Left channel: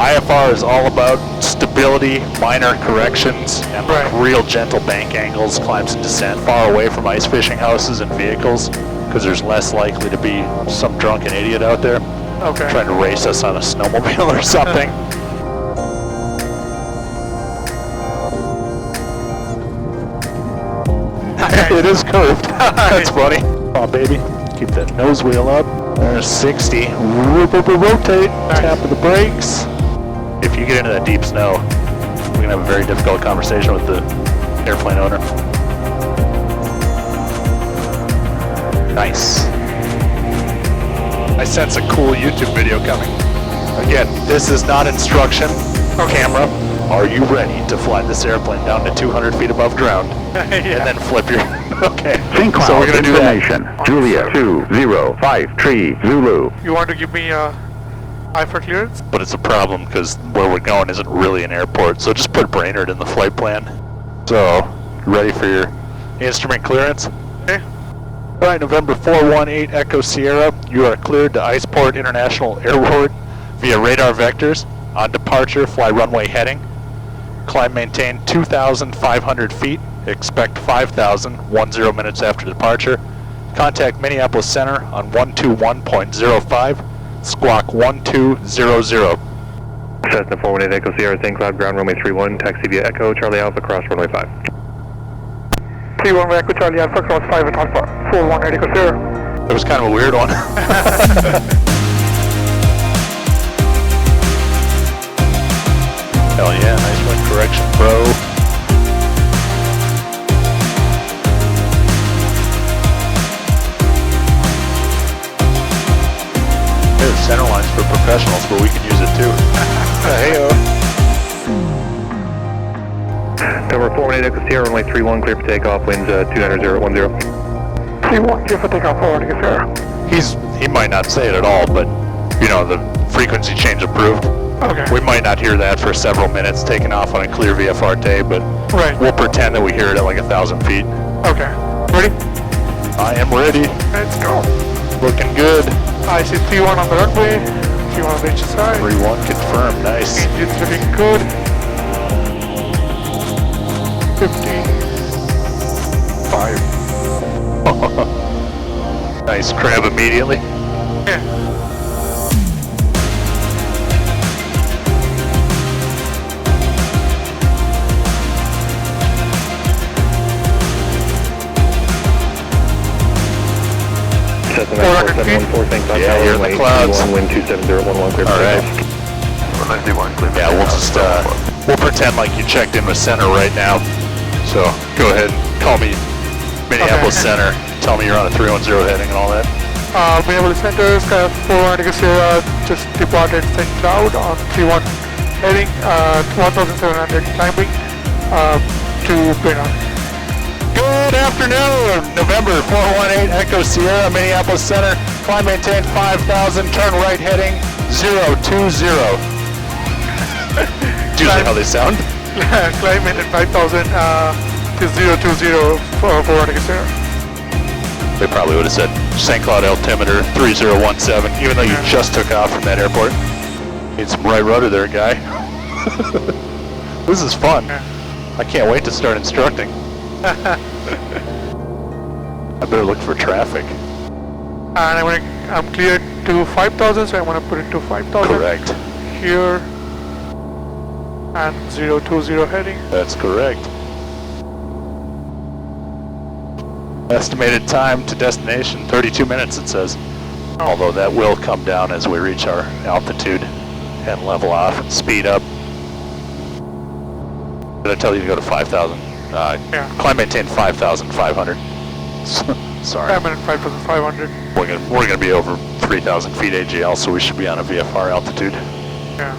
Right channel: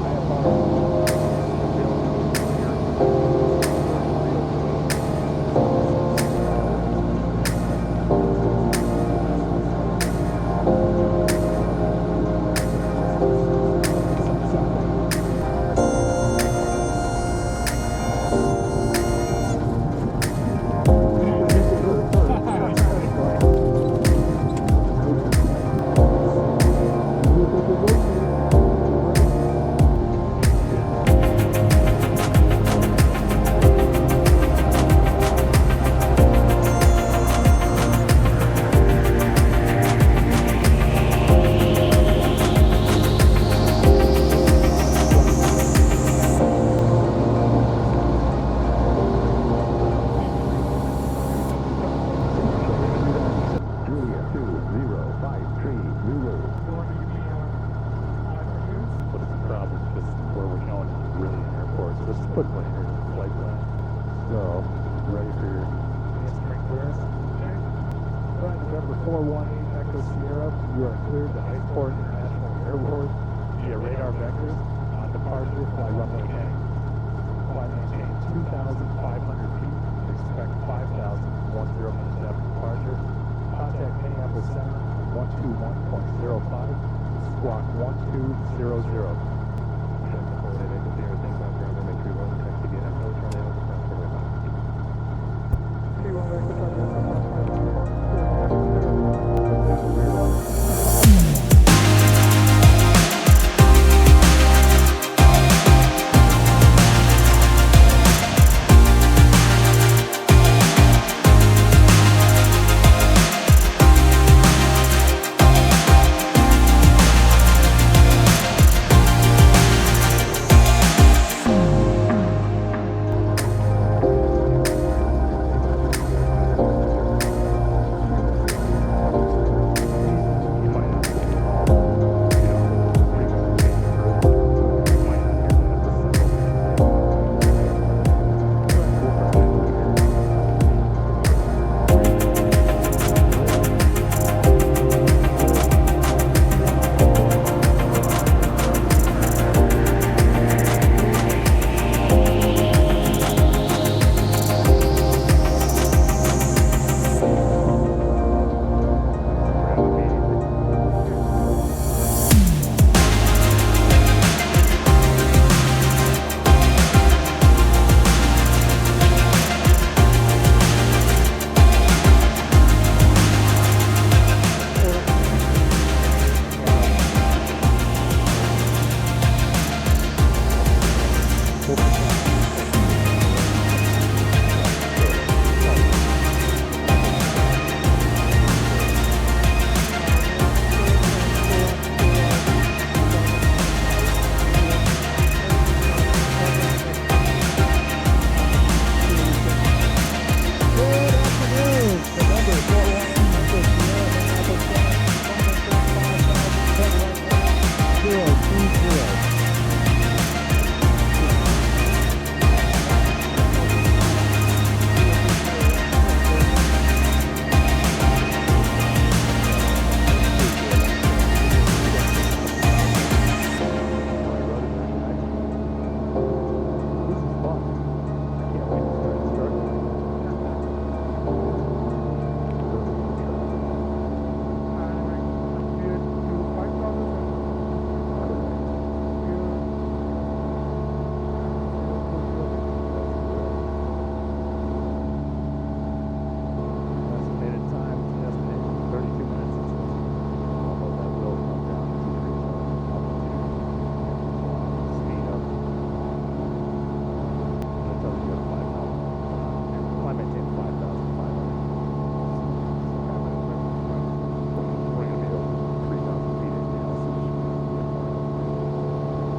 IFR is all about stability, minor corrections, and real gentle bank angles, climbs and descent, far away from ice fishing houses and vehicles, because there's less likely to be some drunken idiot out there trying to race us on a snowmobile or something. It is curved. That's funny. Oh, baby. Keep that nose wheel up. There's 60. Rotate. Tap of the brakes. If you get into that deep snow, we're going to have a very difficult conversation with the airplane owner. Nice. I sense a cool YouTube video coming. Again, this is not instruction. Camera, are you ready to fly this airplane down to 200 feet above ground and then flip your... Okay, so we're going to do that. Julia 2053 Zulu. You want to give me IFR clearance? But it's a problem because where we're going isn't really an airport, so just put Brainerd in the flight plan. So, ready for your instrument clearance? Okay. All right, November 418 Echo Sierra, you are cleared to Iceport International Airport via radar vectors. On departure, fly runway heading. Climb maintain 2,500 feet. Expect 5,000, 10 minutes after departure. Contact Minneapolis Center on 121.05, squawk 1200. Cessna 418 Echo Sierra, St. Cloud, ground runway 31, taxi via Echo, Charlie Alpha, cross runway 5. 31 Echo Charlie Alpha, cross 5 at Alpha, 418 Echo Sierra. That was kind of a weird one. Hell yeah, nice correction, bro. There's center lines for professionals, but we could use it too. Hey-o. Number 418 Echo Sierra, runway 31, clear for takeoff, winds 29010. 31 clear for takeoff, 418 Echo Sierra. He might not say it at all, but you know, the frequency change approved. Okay. We might not hear that for several minutes taking off on a clear VFR day, but we'll pretend that we hear it at like 1,000 feet. Okay. Ready? I am ready. Let's go. Looking good. I see 3-1 on the runway. 3-1 on the HSI. 3-1 confirmed. Nice. Engine's looking good. 15. 5. Nice crab immediately. Yeah. Yeah, you're in the clouds. Wind 27011, clear. Alright. Yeah, we'll just, we'll pretend like you checked in with center right now. So, go ahead and call me Minneapolis Center. Tell me you're on a 310 heading and all that. Minneapolis Center, 418 Echo Sierra, just departed St. Cloud on 31 heading, 1,700 climbing to Brainerd. Good afternoon, November 418 Echo Sierra, Minneapolis Center. Climb maintain 5,000, turn right heading 020. Do you like how they sound? Yeah, climb in at 5,000 to 020 for 418 Echo Sierra. They probably would have said St. Cloud altimeter 3017, even though you just took off from that airport. Need some right rudder there, guy. This is fun. I can't wait to start instructing. I better look for traffic. And I'm cleared to 5,000, so I'm going to put it to 5,000. Correct. Here. And 020 heading. That's correct. Estimated time to destination, 32 minutes it says. Although that will come down as we reach our altitude and level off and speed up. Did I tell you to go to 5,000? Yeah. Climb maintain 5,500. Sorry. I'm at 5,500. We're gonna be over 3,000 feet AGL, so we should be on a VFR altitude. Yeah.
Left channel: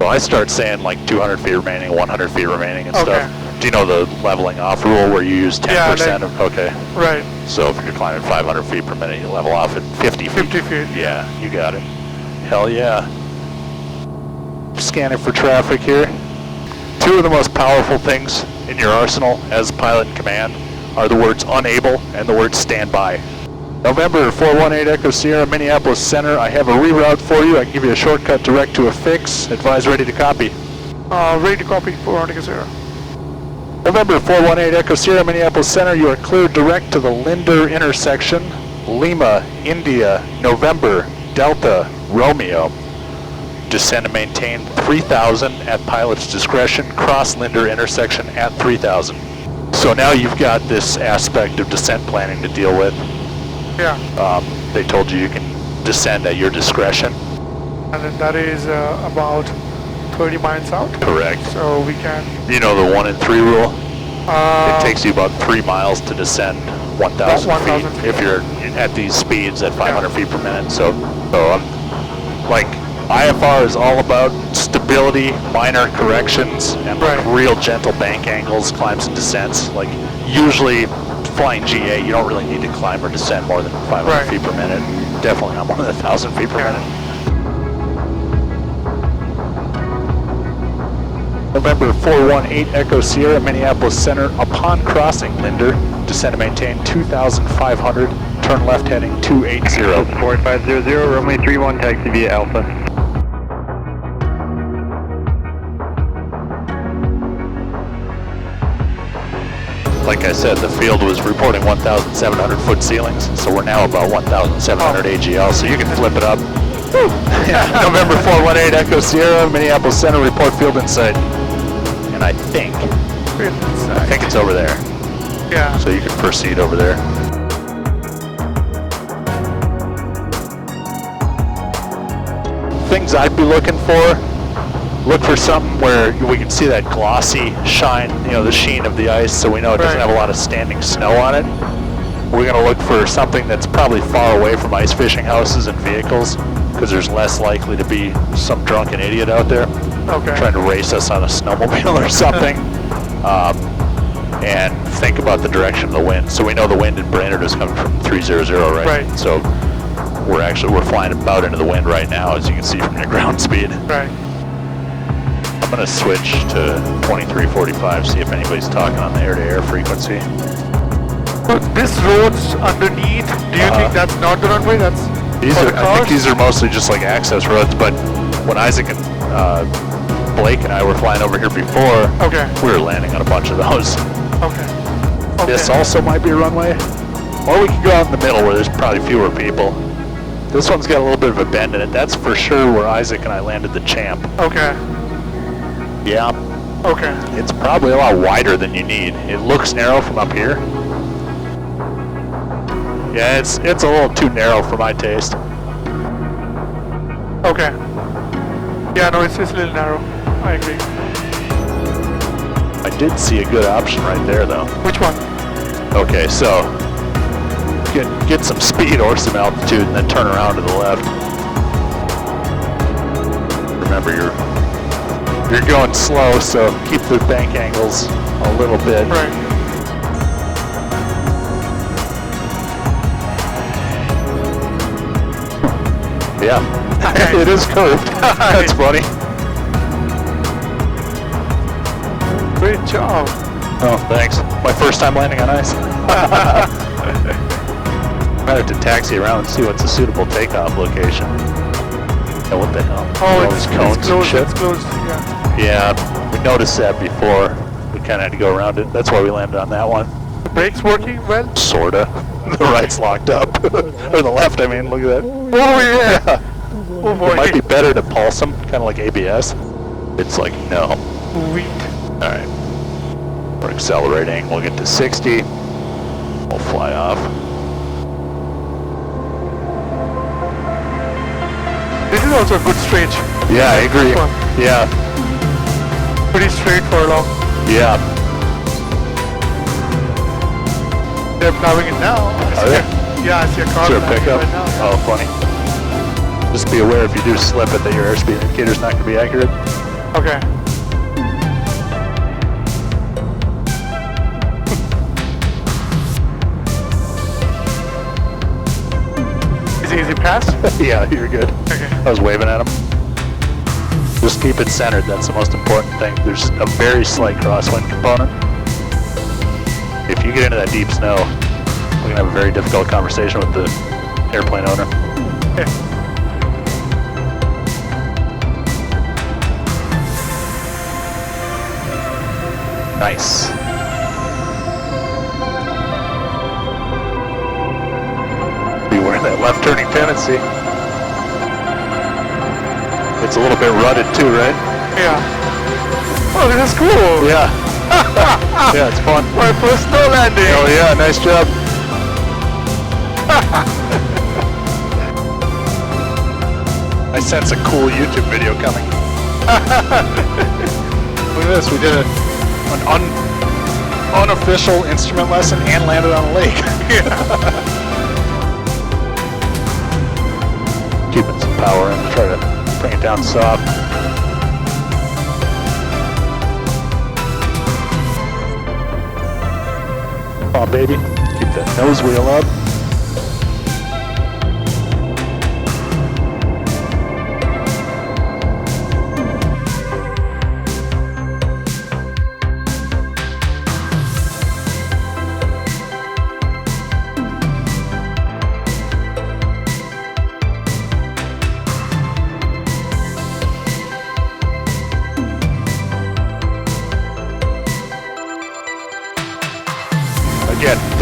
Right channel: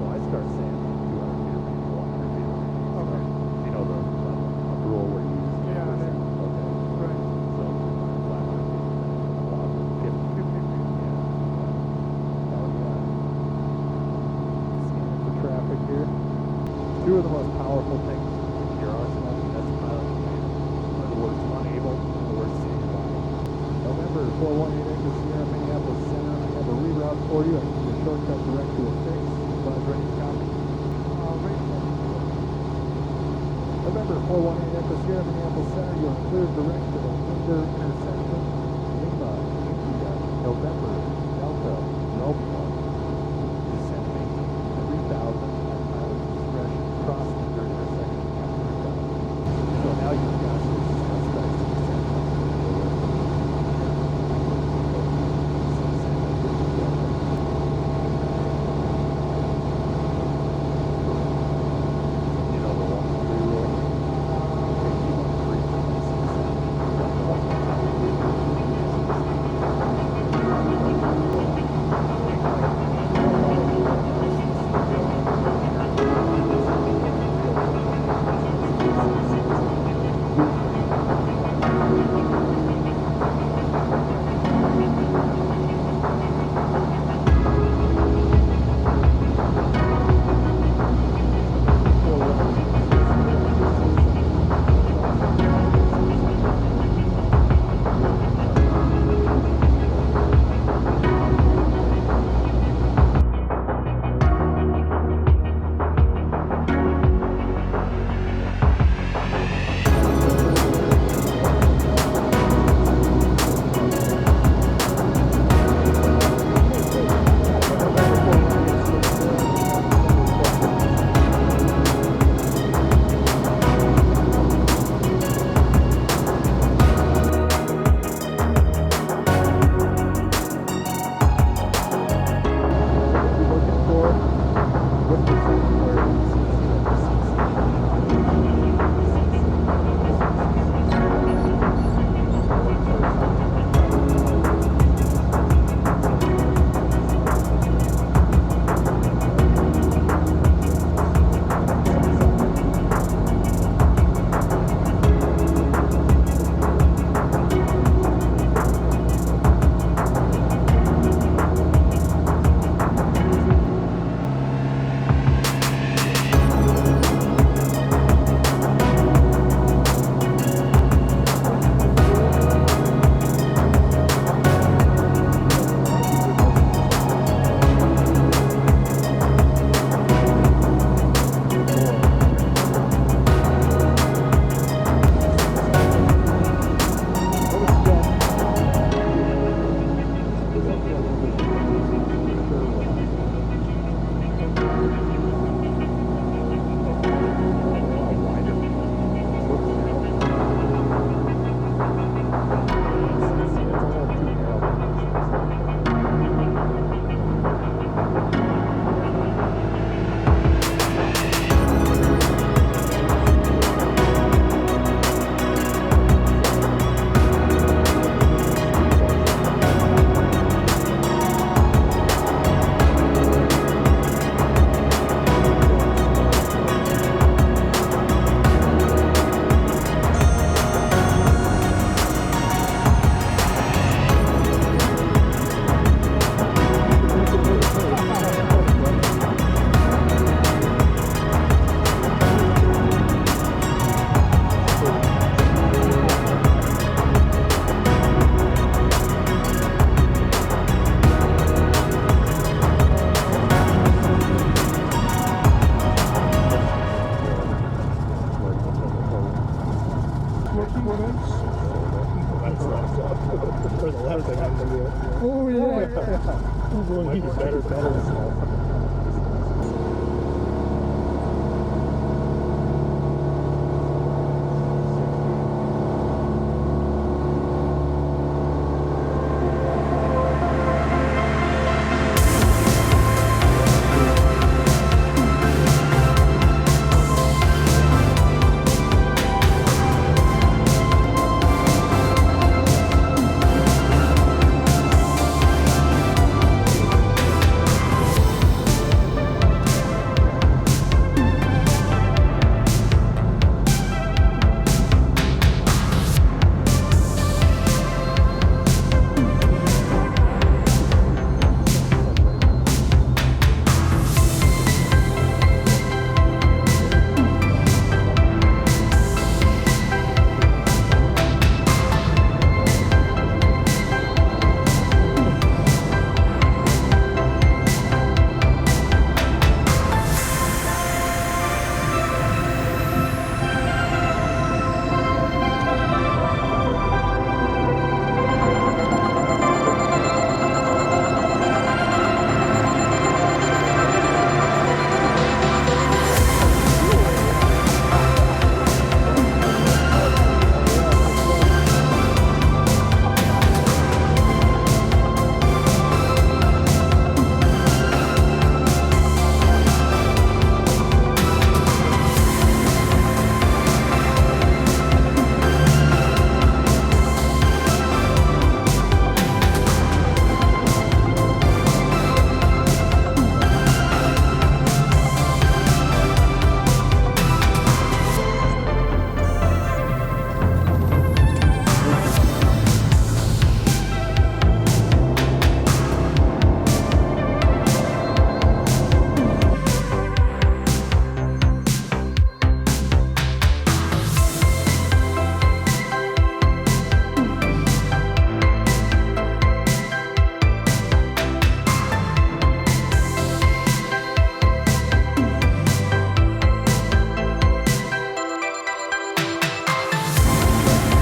So I start saying like 200 feet remaining, 100 feet remaining and stuff. Do you know the leveling off rule where you use 10% of, okay. Right. So if you're climbing 500 feet per minute, you level off at 50 feet. 50 feet. Yeah, you got it. Hell yeah. Scanning for traffic here. Two of the most powerful things in your arsenal as pilot in command are the words unable and the word standby. November 418 Echo Sierra, Minneapolis Center. I have a reroute for you. I can give you a shortcut direct to a fix. Advise ready to copy. Ready to copy 418 Echo Sierra. November 418 Echo Sierra, Minneapolis Center. You are cleared direct to the Linder intersection. Lima, India, November, Delta, Romeo. Descend and maintain 3000 at pilot's discretion. Cross Linder intersection at 3000. So now you've got this aspect of descent planning to deal with. Yeah. They told you can descend at your discretion. And then that is about 30 miles out. Correct. So we can... You know the 1 in 3 rule? It takes you about 3 miles to descend 1,000 feet if you're at these speeds at 500 feet per minute. So like IFR is all about stability, minor corrections, and like real gentle bank angles, climbs and descents. Like usually flying GA, you don't really need to climb or descend more than 500 feet per minute. Definitely not more than 1,000 feet per minute. November 418 Echo Sierra, Minneapolis Center. Upon crossing Linder, descend and maintain 2,500. Turn left heading 280. 4500, runway 31, taxi via Alpha. Like I said, the field was reporting 1,700 foot ceilings, so we're now about 1,700 AGL, so you can flip it up. November 418 Echo Sierra, Minneapolis Center, report field in sight. And I think it's over there. Yeah. So you can proceed over there. Things I'd be looking for, look for something where we can see that glossy shine, you know, the sheen of the ice, so we know it doesn't have a lot of standing snow on it. We're going to look for something that's probably far away from ice fishing houses and vehicles, because there's less likely to be some drunken idiot out there trying to race us on a snowmobile or something. And think about the direction of the wind. So we know the wind in Brainerd is coming from 300, right? So we're flying about into the wind right now, as you can see from your ground speed. Right. I'm going to switch to 2345, see if anybody's talking on the air-to-air frequency. So this road's underneath, do you think that's not the runway? That's I think these are mostly just like access roads, but when Isaac and Blake and I were flying over here before, we were landing on a bunch of those. This also might be a runway, or we can go out in the middle where there's probably fewer people. This one's got a little bit of a bend in it. That's for sure where Isaac and I landed the Champ. Yeah. It's probably a lot wider than you need. It looks narrow from up here. Yeah, it's a little too narrow for my taste. Yeah, no, it's a little narrow. I agree. I did see a good option right there, though. Which one? Okay, so get some speed or some altitude, and then turn around to the left. Remember, you're going slow, so keep the bank angles a little bit. Yeah, it is curved. That's funny. Great job. Oh, thanks. My first time landing on ice. I have to taxi around and see what's a suitable takeoff location. It's closed. It's closed. Yeah, we noticed that before. We kind of had to go around it. That's why we landed on that one. The brakes working well? Sorta. The right's locked up. Or the left, I mean, look at that. Oh, yeah. Oh, boy. It might be better to pulse them, kind of like ABS. It's like, no. Sweet. Alright. We're accelerating. We'll get to 60. We'll fly off. This is also a good straight. Yeah, I agree. Yeah. Pretty straight for a long. Yeah. They're plowing it now. Are they? Yeah, I see a car. Is there a pickup? Oh, funny. Just be aware if you do slip it that your airspeed indicator's not going to be accurate. Is it pass? Yeah, you're good. I was waving at him. Just keep it centered, that's the most important thing. There's a very slight crosswind component. If you get into that deep snow, gonna have a very difficult conversation with the airplane owner. Nice. Be wearing that left turning tendency. It's a little bit rutted too, right? Yeah. Oh, this is cool. Yeah. Yeah, it's fun. My first snow landing. Oh yeah, nice job. I sense a cool YouTube video coming. Look at this, we did an unofficial instrument lesson and landed on a lake. Keeping some power and try to bring it down soft. Come on, baby. Keep that nose wheel up.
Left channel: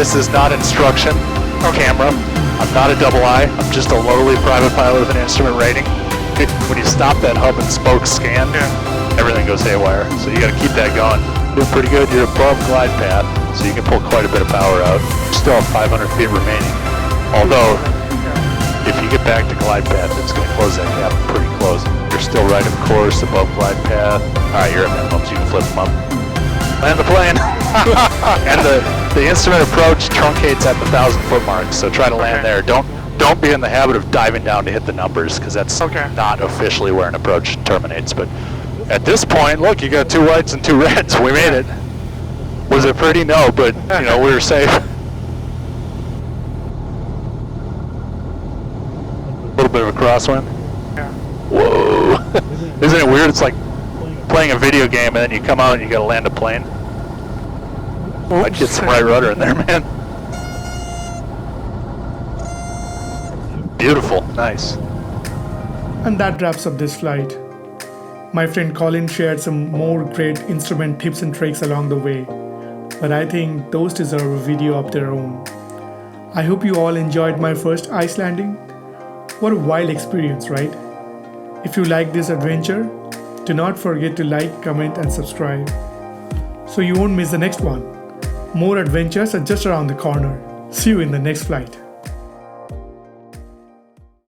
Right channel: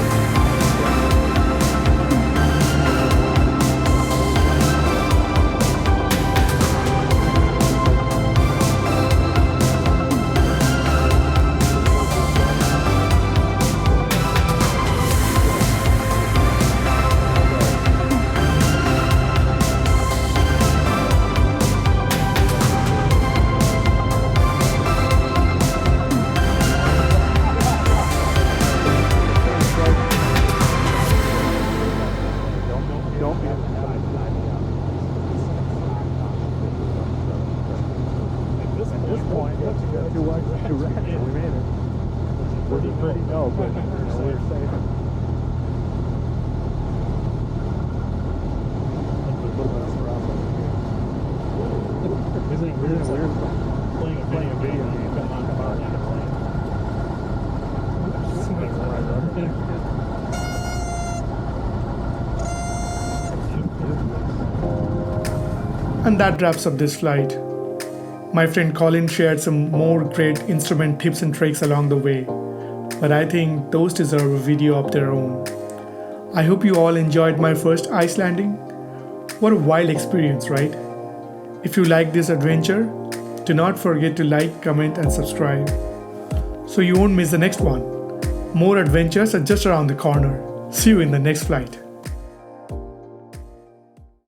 This is not instruction camera. I'm not a double I. I'm just a lowly private pilot with an instrument rating. When you stop that hub and spoke scan, everything goes haywire. So you got to keep that going. Doing pretty good. You're above glide path, so you can pull quite a bit of power out. You still have 500 feet remaining. Although, if you get back to glide path, it's going to close that gap pretty close. You're still right of course above glide path. All right, you're at minimum, so you can flip them up. Land the plane. And the instrument approach truncates at the 1,000-foot mark, so try to land there. Don't be in the habit of diving down to hit the numbers, because that's not officially where an approach terminates. But at this point, look, you got 2 whites and 2 reds. We made it. Was it pretty? No, but you know, we were safe. A little bit of a crosswind. Whoa! Isn't it weird? It's like playing a video game and then you come out and you gotta land a plane. I'd get some right rudder in there, man. Beautiful, nice. And that wraps up this flight. My friend Colin shared some more great instrument tips and tricks along the way, but I think those deserve a video of their own. I hope you all enjoyed my first ice landing. What a wild experience, right? If you like this adventure, do not forget to like, comment, and subscribe so you won't miss the next one. More adventures are just around the corner. See you in the next flight.